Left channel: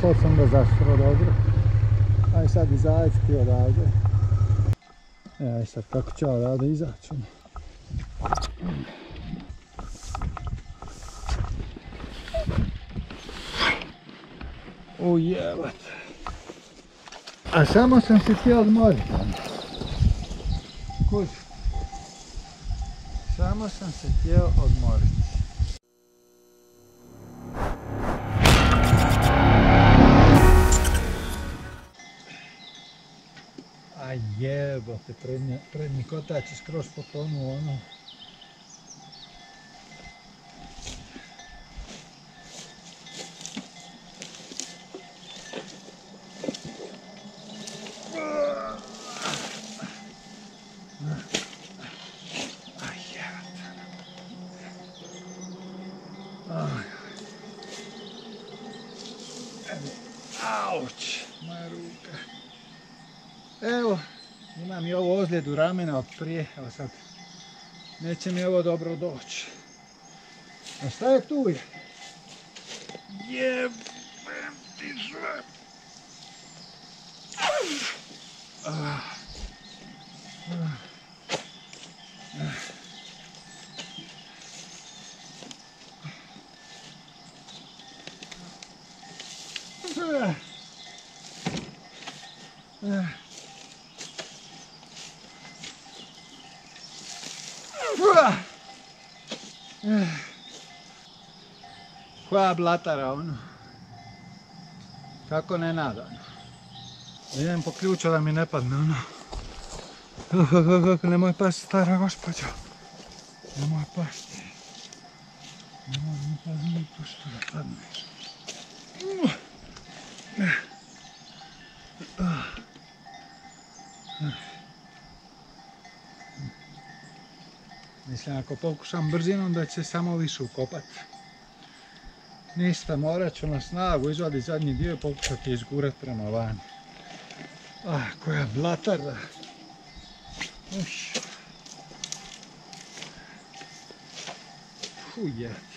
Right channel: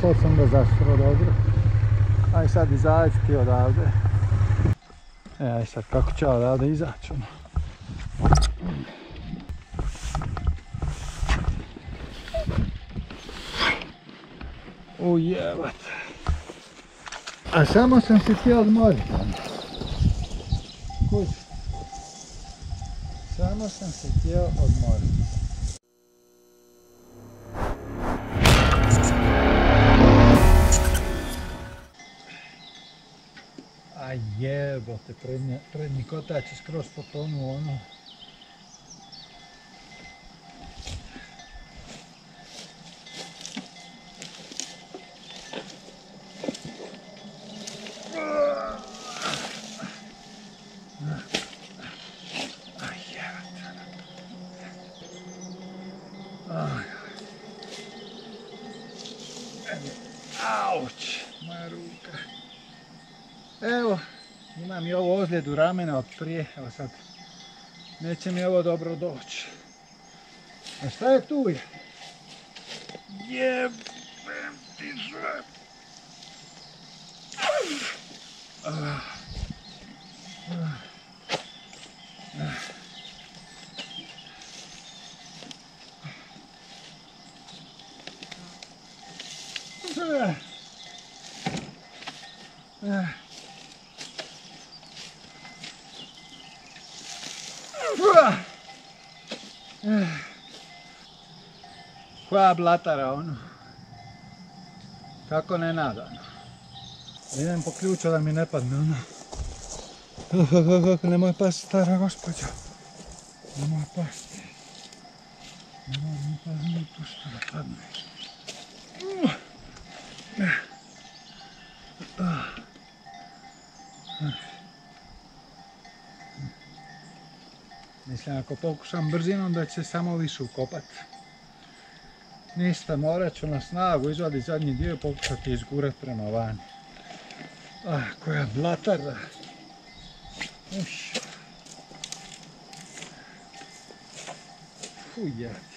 sad sam ga zastro dobro. Aj sad izaći ti odavde. Aj sad kako će odavde izaći ono. Ujebat. A samo sam se htio odmoriti. Kuži. Samo sam se htio odmoriti. A jebote, prednji kotač je skroz potonuo ono. Auć, moja ruka. Evo, imam i ovu ozljedu ramena od prije, evo sad, neće mi ovo dobro doći. A šta je tu je? Jebem ti sve. Koja blatara ono. Kako nenadano. Idem po ključu da mi ne padne ono. Nemoj pasti, stara gospođo. Nemoj pasti. Nemoj mi pasti, pušta da padneš. Mislim, ako pokušam brzinom da će samo više ukopat. Ništa, morat ću na snagu izvaditi zadnji dio i pokušati izgurat prema vani. Koja blatara. Fujati.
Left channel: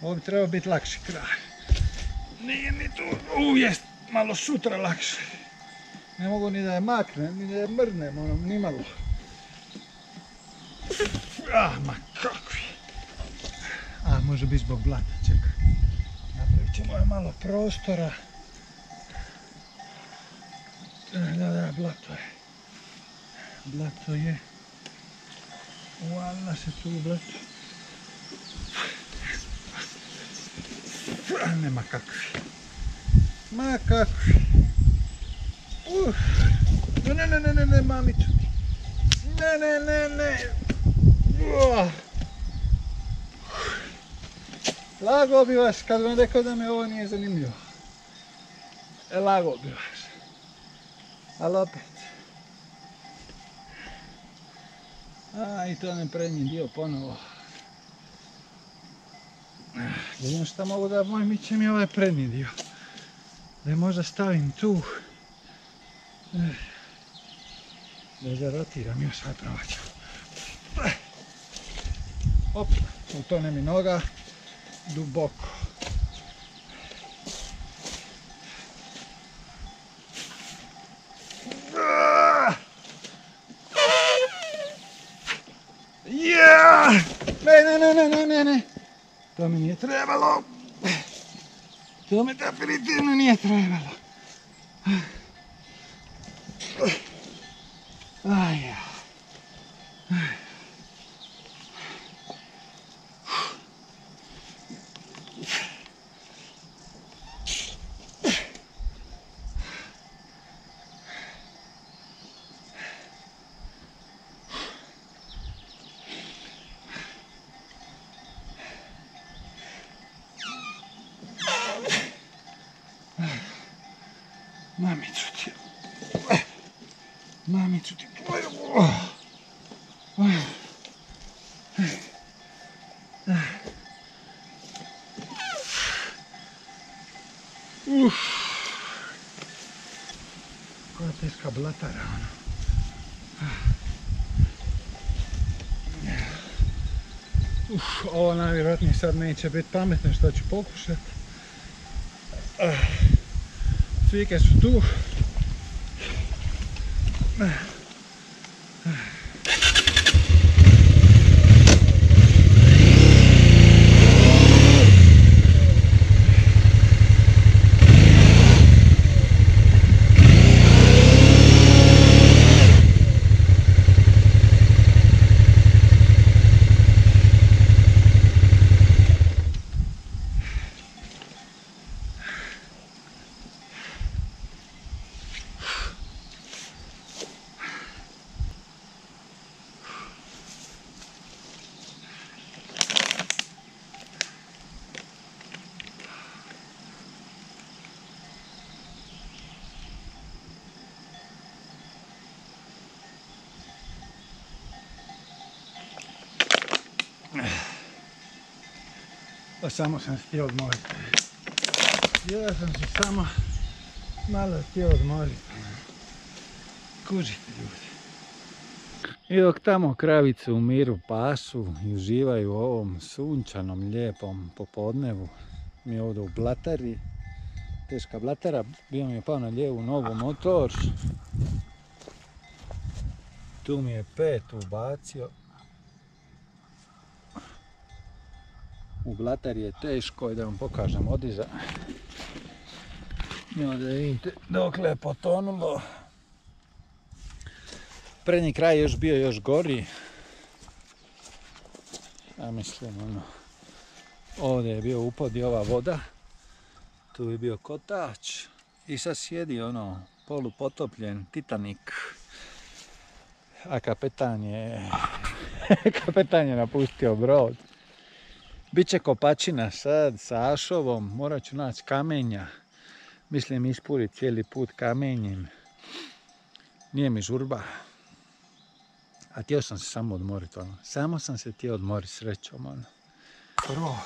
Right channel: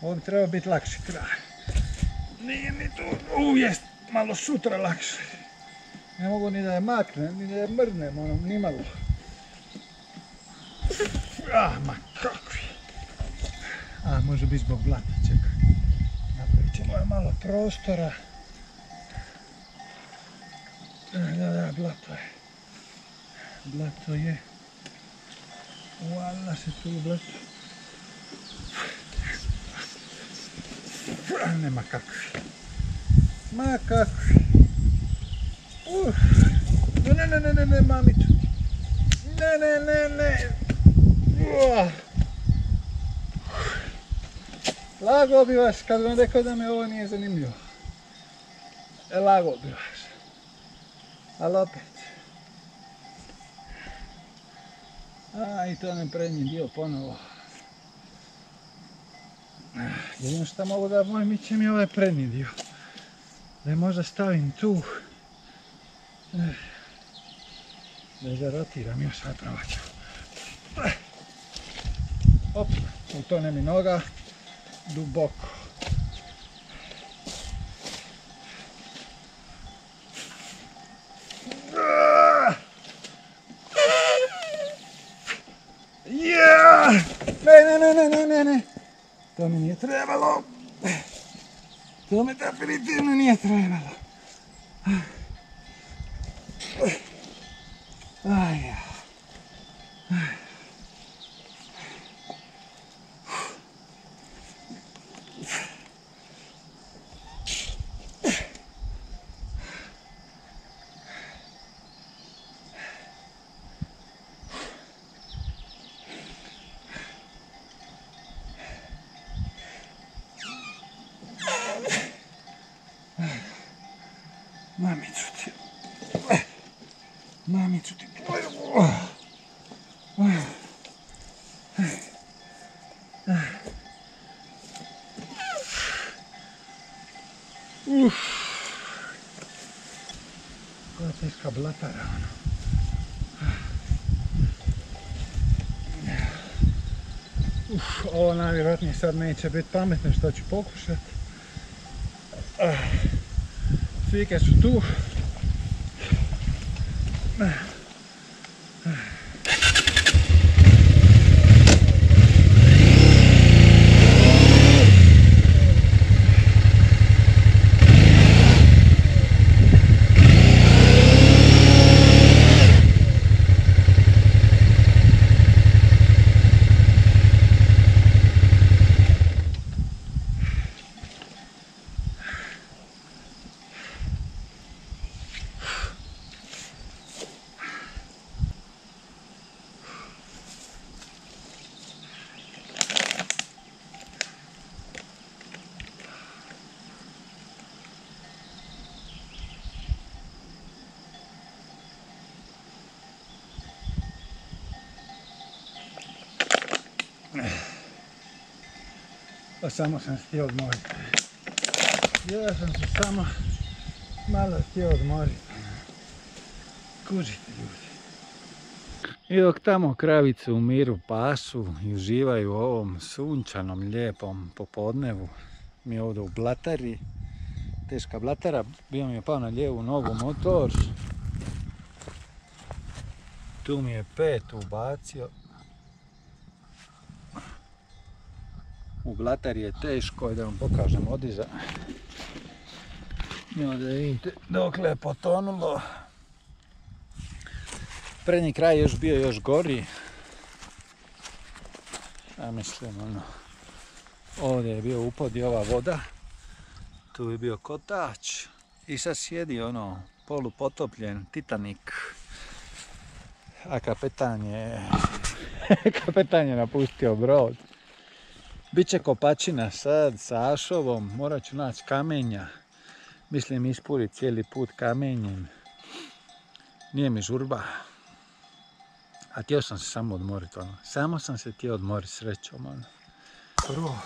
Ovo bi trebao biti lakši kraj. Nije ni tu, jest malo sutra lakše. Ne mogu ni da je maknem, ni da je mrnem, ono, ni malo. Ma kakvi. Može biti zbog blata, čekaj. Napravit ćemo je malo prostora. Da, blato je. Blato je. Uvala se tu u blato. Nema kakvi. Ma kakvi. Ne, mamicu. Ne. Lagao bi vas kad vam rekao da mi ovo nije zanimljivo. Lagao bi vas. Ali opet. I to ne prednji dio ponovo. Jedino što mogu da moj mićem je ovaj prednji dio. Da je možda stavim tu. Da zarotiram još, sad probat ću. Op, utone mi noga. Duboko. Ne. To mi nije trebalo. To mi definitivno nije trebalo. Mamicu ti. Koja teška blatara ono. Ovo najvjerojatnije sad neće biti pametno što ću pokušati. Cvike su tu. Pa samo sam htio odmoriti. Ja sam se samo malo htio odmoriti. Kužite ljudi. I dok tamo kravice u miru pasu i uživaju u ovom sunčanom, lijepom popodnevu, mi ovdje u Blatari, teška Blatara, bio mi je pao na lijevu nogu motor. Tu mi je 5 ubacio. U Blatari je teško i da vam pokažem odiza. I onda vidite dokle je potonulo. Prednji kraj još bio još gori. Ja mislim ovdje je bio upod i ova voda. Tu je bio kotač. I sad sjedi polupotopljen Titanic. A kapetan je napustio brod. Biće kopačina sad sa ašovom, morat ću naći kamenja. Mislim ispuriti cijeli put kamenjem. Nije mi žurba. A htio sam se samo odmoriti, Samo sam se htio odmoriti srećom, Prvo,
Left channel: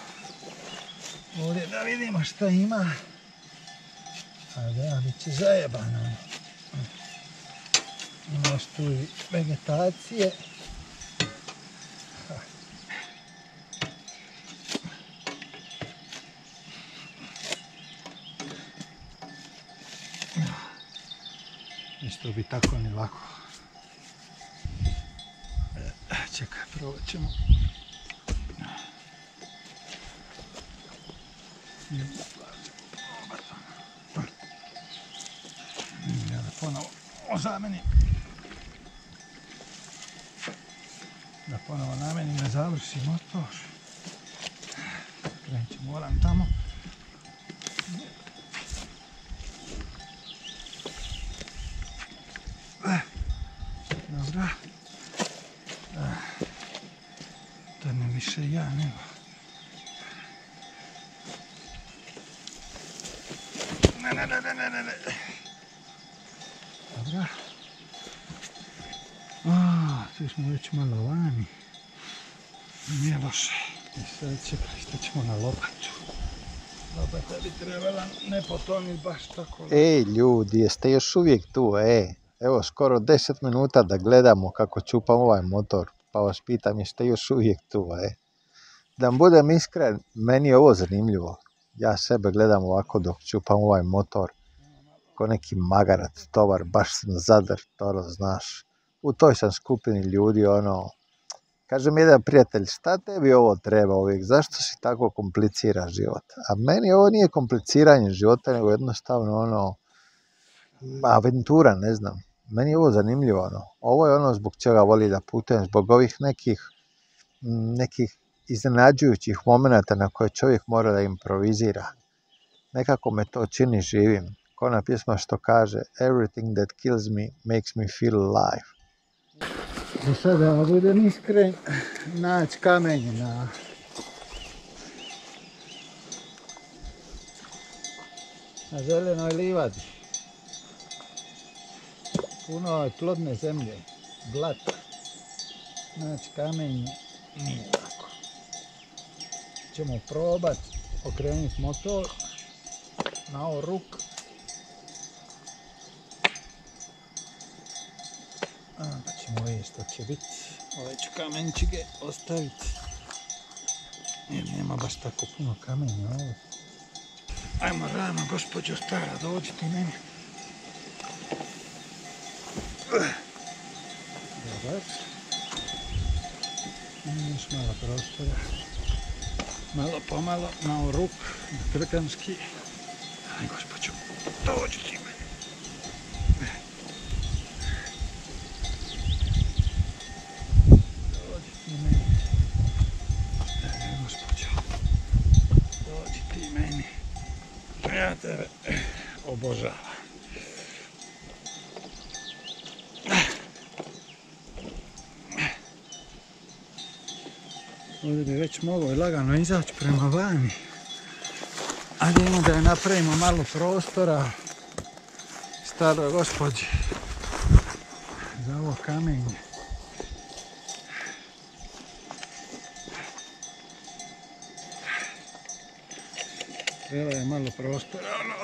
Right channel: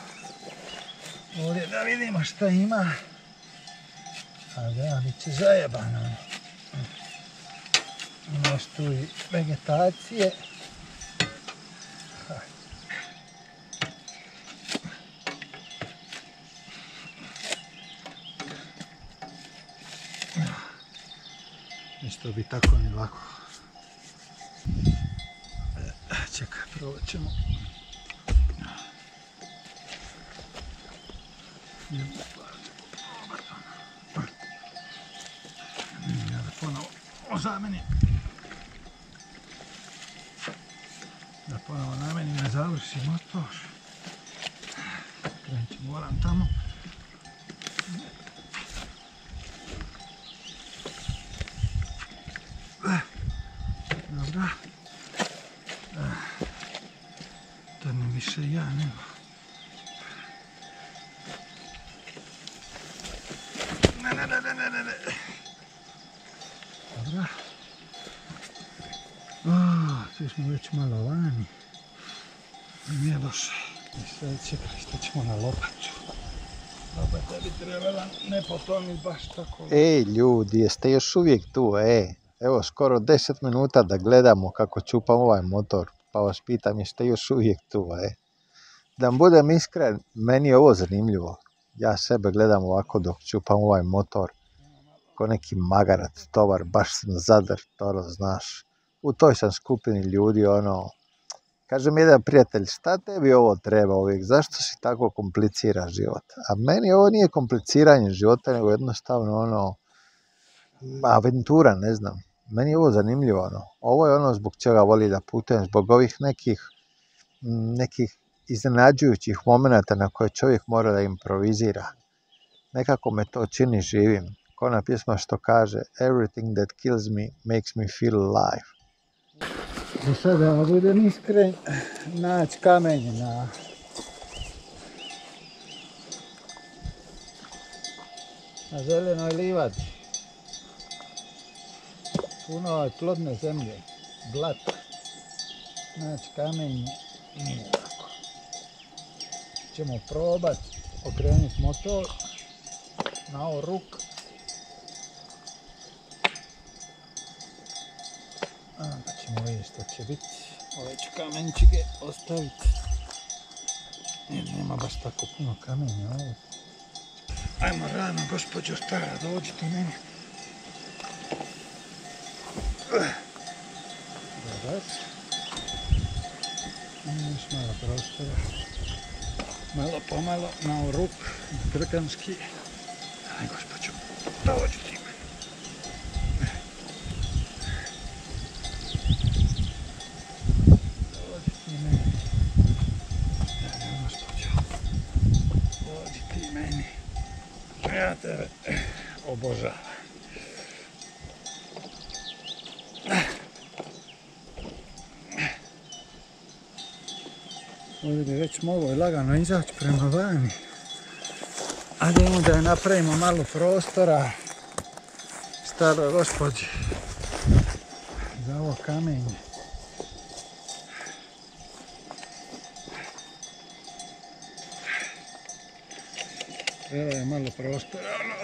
ovdje da vidimo šta ima. A da, bit će zajebano, Imaš tu i vegetacije. Isto bi tako ni lako. Čekaj, probat ćemo. Ja da ponovo ozamenim. Da ponovo namenim, ne završi motor. Krenut ćemo volan tamo. Dobra. To ne više ja nego. Ne. Dobra. Tu smo već malo vani. Nije loše. I sad čekaj, što ćemo na lopatu. Lopata bi trebala ne potoniti baš tako. Ej ljudi, jeste još uvijek tu, Evo skoro 10 minuta da gledamo kako čupam ovaj motor, pa vas pitam jeste još uvijek tu, Da vam budem iskren, meni je ovo zanimljivo. Ja sebe gledam ovako dok čupam ovaj motor, ko neki magarac, tovar, baš sam zadar, znaš. U toj sam skupini ljudi, kaže mi jedan prijatelj, šta tebi ovo treba uvijek, zašto si tako komplicira život? A meni ovo nije kompliciranje života, nego jednostavno aventura, ne znam. Meni je ovo zanimljivo, Ovo je zbog čega voli da putujem, zbog ovih nekih iznenađujućih momenata na koje čovjek mora da improvizira. Nekako me to čini živim. Ko ona pjesma što kaže, everything that kills me makes me feel alive. I sad da budem iskren, naći kamenje na zelenoj livadi. Puno je plodne zemlje, blata. Naći kamenje nije lako. Ćemo probat okrenuti motor na ovo ruk. Onda ćemo vidjeti što će biti. Ove ću kamenčike ostaviti. Jer nema baš tako puno kamenja ovdje. Ajmo rano, gospođo stara, dođi ti meni. Dobar. Još malo prostora. Malo pomalo, na ruk, na trkanski. Aj, gospođo, dođi ti meni. Dođi ti meni. Stara gospođo. Dođi ti meni. Ja tebe obožavam. Ovdje bi već mogao lagano izaći prema vani. A idemo da napravimo malo prostora staroj gospođi za ovo kamenje. Treba je malo prostora, ono.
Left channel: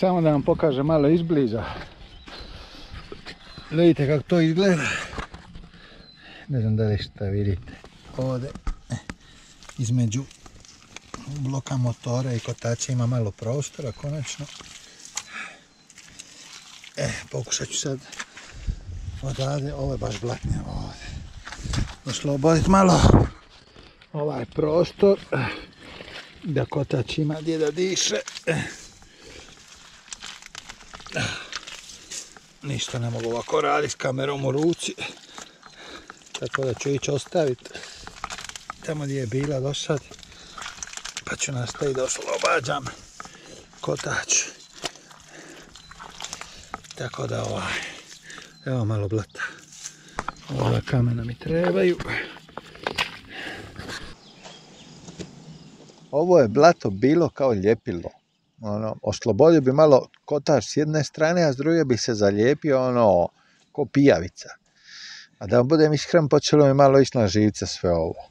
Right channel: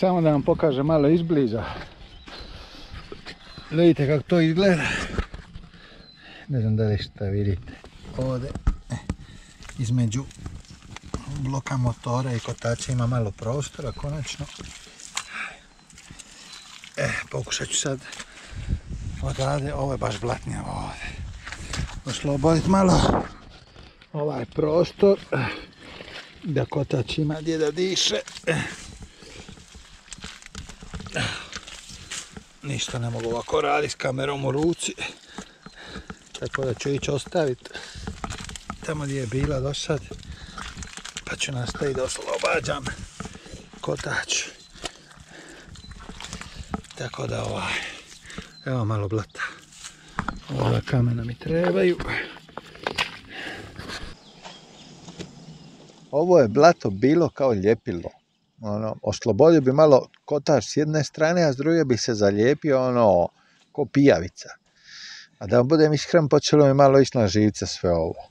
Samo da vam pokažem malo izbliza. Vidite kako to izgleda. Ne znam da li šta vidite. Ovdje između bloka motora i kotača ima malo prostora konačno. Pokušat ću sad odavde, ovo je baš blatnjavo ovdje. Osloboditi malo ovaj prostor da kotač ima gdje da diše. Ništa ne mogu ovako raditi s kamerom u ruci. Tako da ću ići ostaviti tamo gdje je bila do sad. Pa ću nastaviti da oslobađam kotač. Tako da evo malo blata. Ova kamena mi trebaju. Ovo je blato bilo kao ljepilo. Oslobodio bi malo kotač s jedne strane, a s druge bi se zalijepio ko pijavica. A da budem iskren, počelo mi malo ići na živce sve ovo.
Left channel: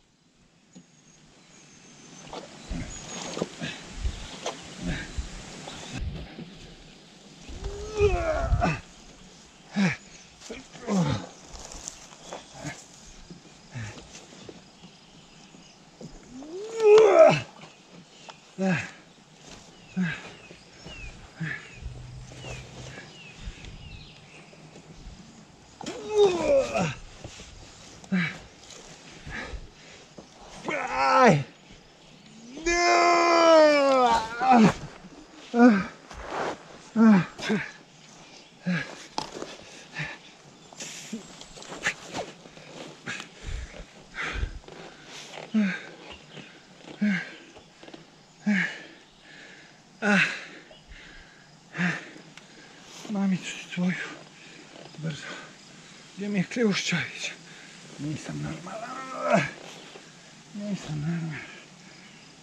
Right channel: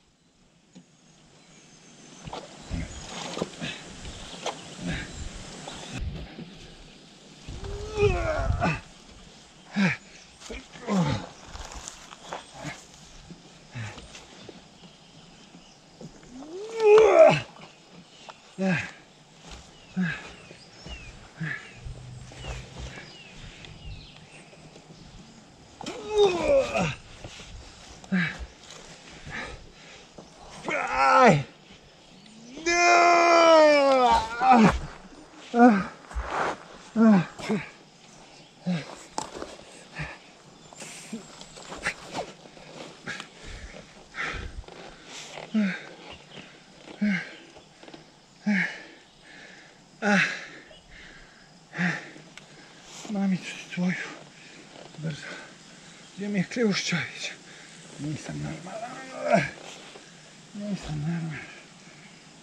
Mamicu tvoju, brzo. Gdje mi je Kljuščević? Nisam normalan. Nisam normalan.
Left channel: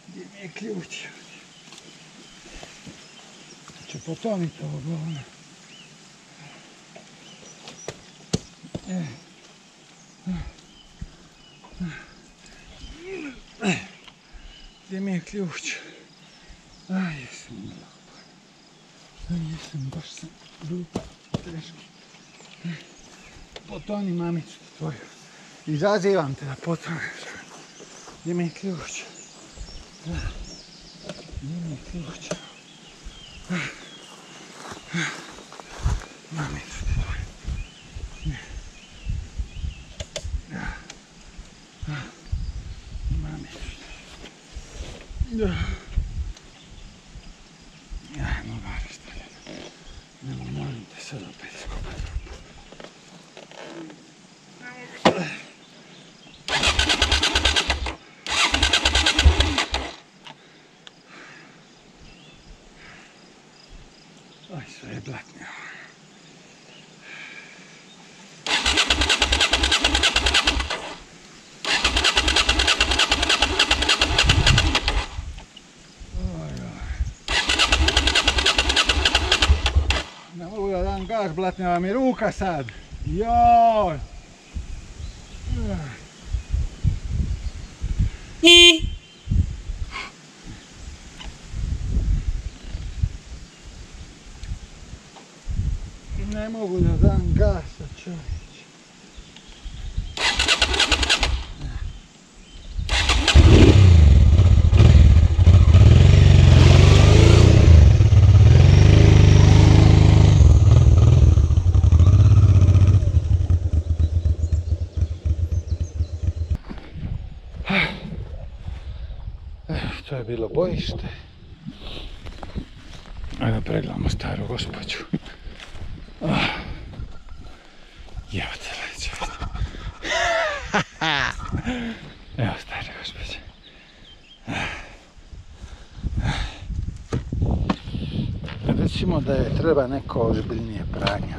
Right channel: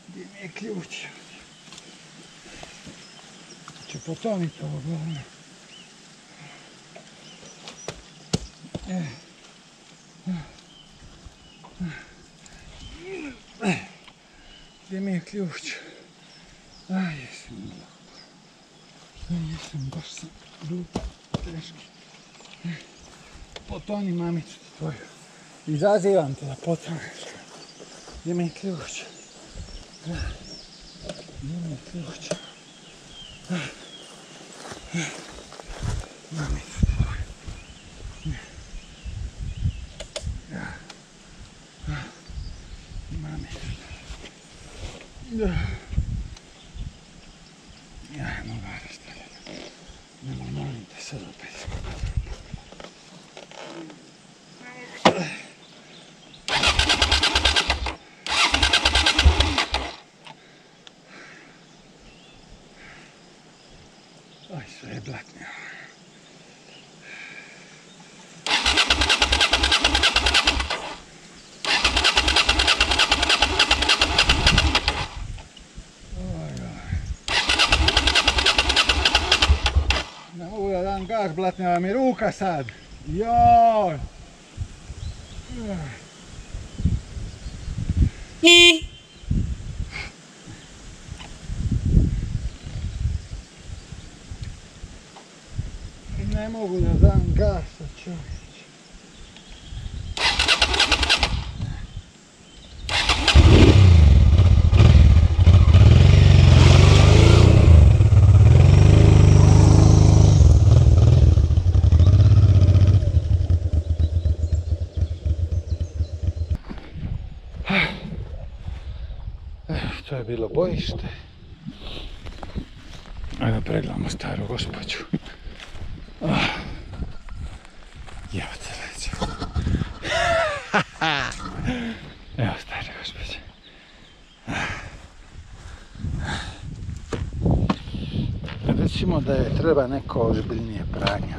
Gdje mi je Kljuščević? Ću potoniti ovo govno. Gdje mi je Kljušč? Aj, jesam glupa. Aj, jesam, baš sam glupa, teški. Potoni mamicu tvoju. Izazivam te da potoneš. Gdje mi je Kljušč? Gdje mi je Kljušč? Mamicu tvoju. Mamicu. Ajmo gore stavljati. Nemo, molim te sad opet. Oj, sve je blatnjavo. Ne mogu da dam gas, blatnjava mi ruka sad. Joj! Ne mogu da dam gasa, čovječe. To je bilo bojište. Ajde pregledamo staru gospođu. Evo te leđe. Evo stara gospođa. Recimo da je treba neko ozbiljnije pranje.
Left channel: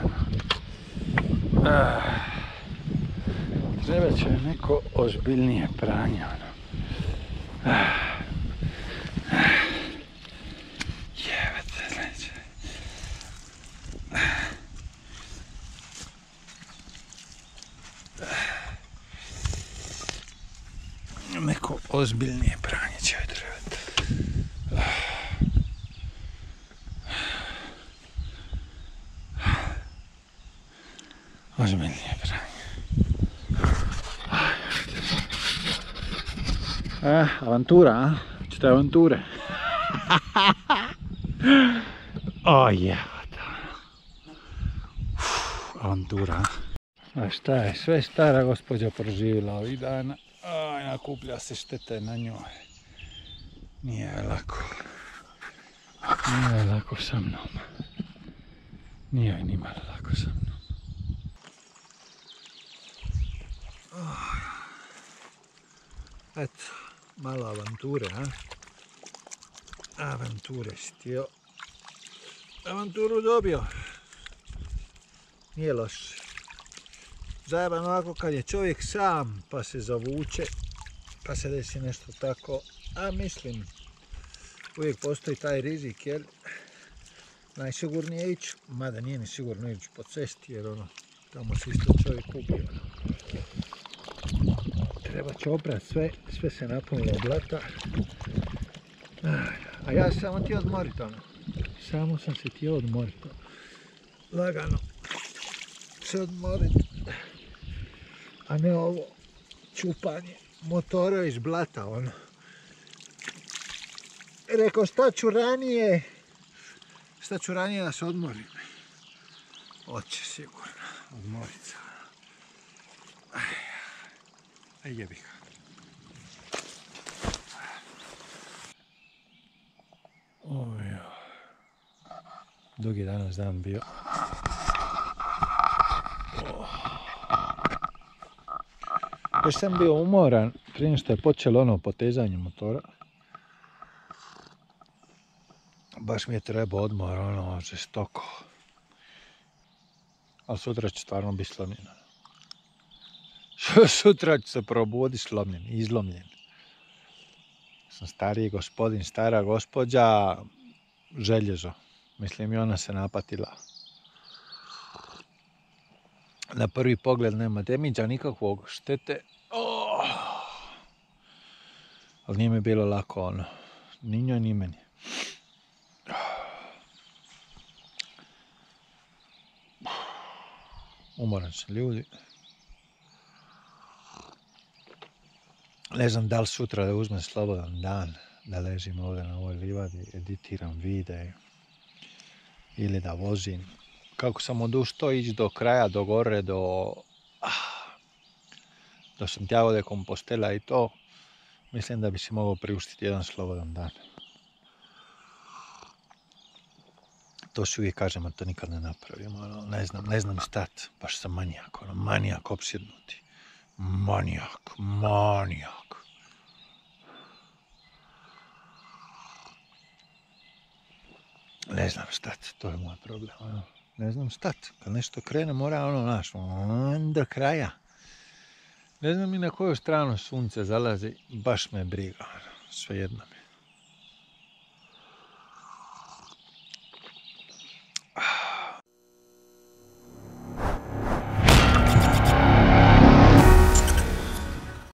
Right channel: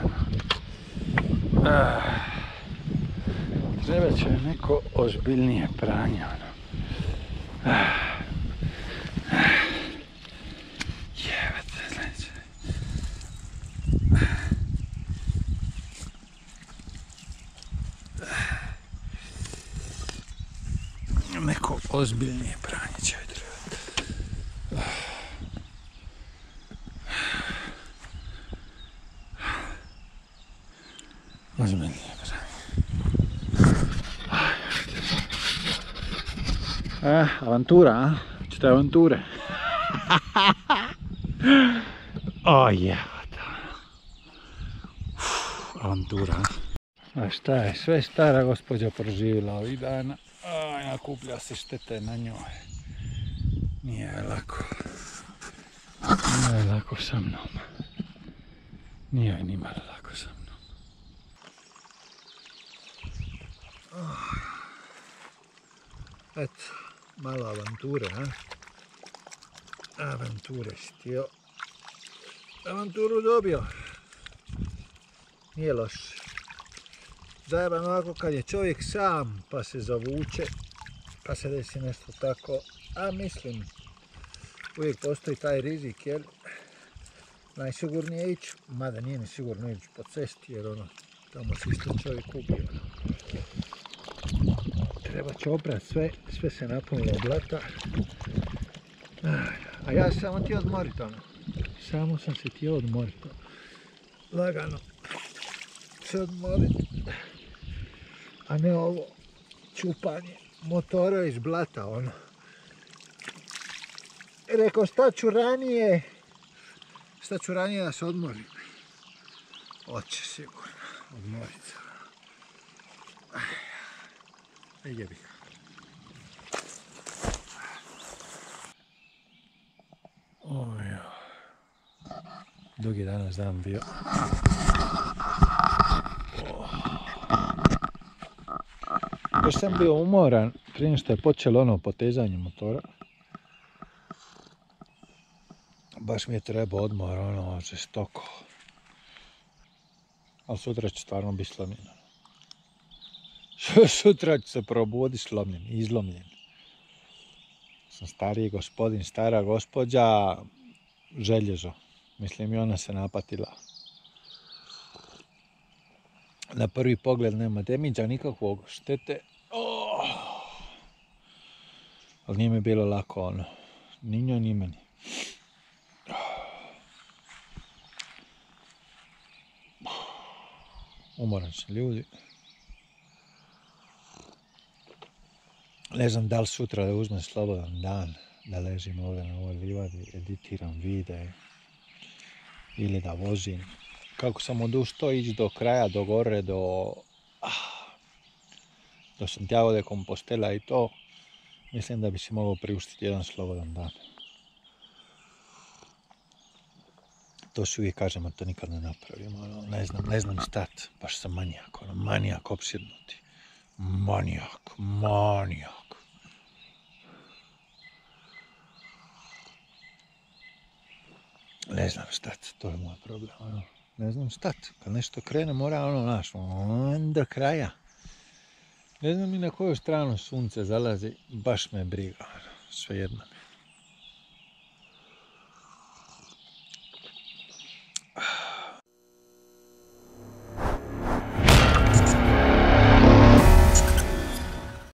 Treba će neko ozbiljnije pranje. Neko ozbiljnije pranje će joj trebati. Ozbiljnije pranje. Avantura, a? Čete avanture? O, jebata. Avantura, a šta je sve stara gospođa proživjela ovih dana? Aj, nakuplja se štete na njoj. Nije joj lako. Nije joj lako sa mnom. Nije joj nimalo lako sa mnom. Eto, malo avanture, a? Avanture si htio. Avanturu dobio. Nije loše. Zajeban ovako kad je čovjek sam pa se zavuče, pa se desi nešto tako, a mislim uvijek postoji taj rizik jer najsigurnije ići, mada nije ni sigurno ići po cesti jer ono, tamo se isto čovjek ubio. Treba će oprat sve se napunilo blata, a ja sam samo htio odmorit ono, samo sam se htio odmorit, lagano se odmorit. A ne ovo čupanje motora iz blata, ono. Rekao, šta ću ranije da se odmorim. Hoće sigurno, odmorit se. Aj jebi ga. Oj, dugi danas dan bio. Još sam bio umoran prije što je počelo ono potezanje motora. Baš mi je trebao odmor, ono, žestoko. Ali sutra će stvarno biti slomljen. Sutra ću se probudi slomljen, izlomljen. Sam stariji gospodin, stara gospođa, željezo. Mislim i ona se napatila. Na prvi pogled nema demiđa nikakvog štete. Ali nije mi bilo lako ono. Ni njoj ni meni. Umoran sam ljudi. Ne znam da li sutra da uzmem slobodan dan, da ležim ovdje na ovoj livadi, editiram videe ili da vozim. Kako sam odustao ići do kraja, do gore, do Santiago de Compostela i to, mislim da bi si mogao priuštiti jedan slobodan dan. to si uvijek kažem, a to nikad ne napravim. Ono, ne znam stat, baš sam manijak, ono, manijak opsjednuti. Manijak. Ne znam stat, to je moj problem. Ono. Ne znam stat, kad nešto krene mora do kraja. Ne znam i na koju stranu sunce zalazi, baš me briga, svejedno mi.